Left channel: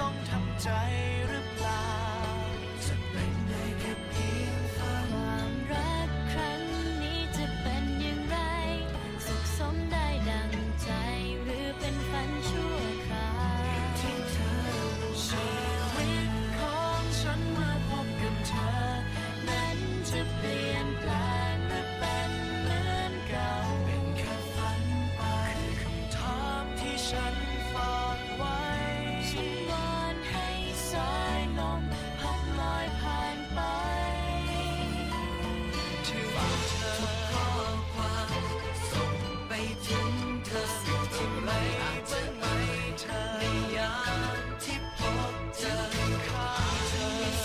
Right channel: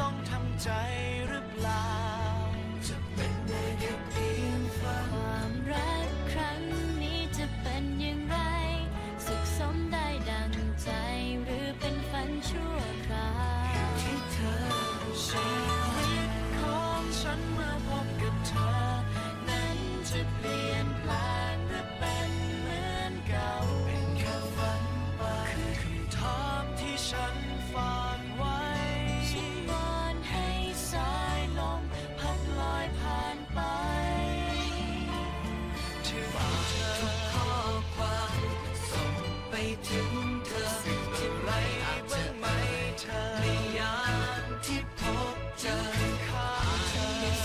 ต้องทำใจหรือเปล่า จะเป็นได้แค่เพียงฝันความรักครั้งนี้จะเป็นอย่างไร สุขสมได้ดังใจหรือเป็นฝันชั่วคราวที่เธอชีวิตของฉันเมื่อพบกับเธอ นั้นจะเปลี่ยนแปลงหรือเป็นเหมือนเก่า เป็นแค่ฝันไปคือคำถามที่ฉัน ถึงเธอสึกอะไรบ้างไหมเธอในยามที่พบเจอข้างเธอ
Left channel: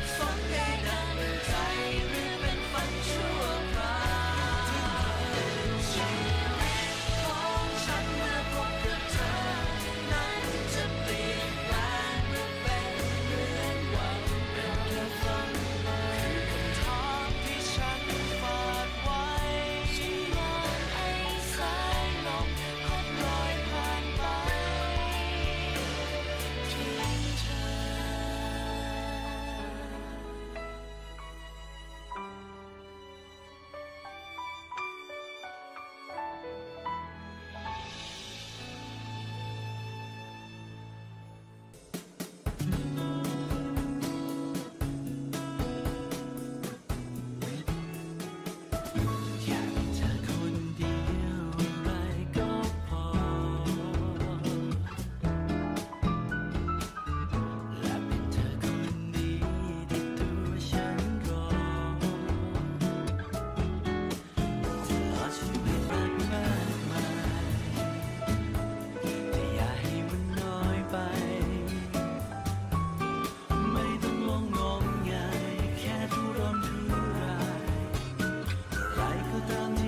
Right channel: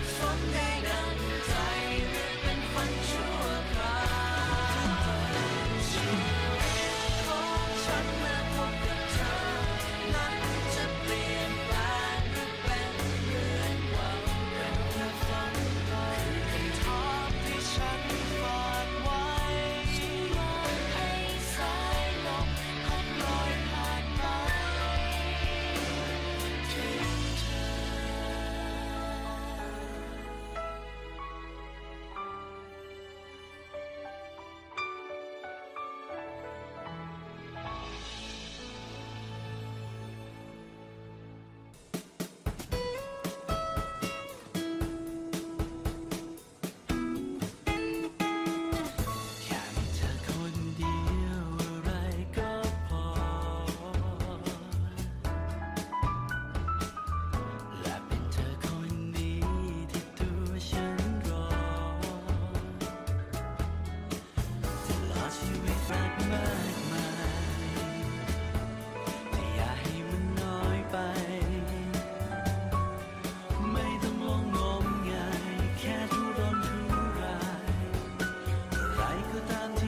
from. cantando.